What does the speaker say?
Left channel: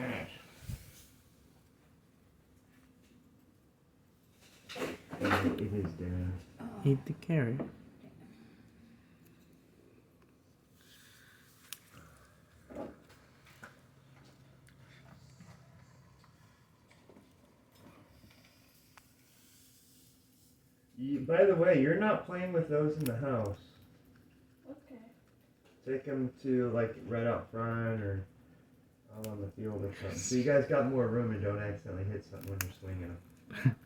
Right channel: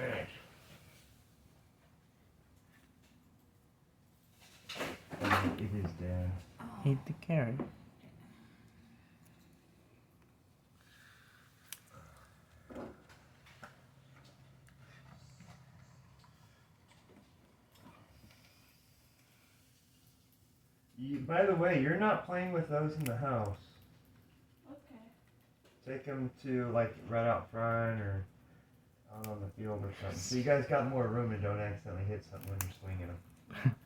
Alright. It is down. Eat the carrot. By the way, you're not playing with those in the house. Okay. Take them to, like, right out front or out on the field or something. So you guys got more room and don't accidentally hit something when you're swinging them.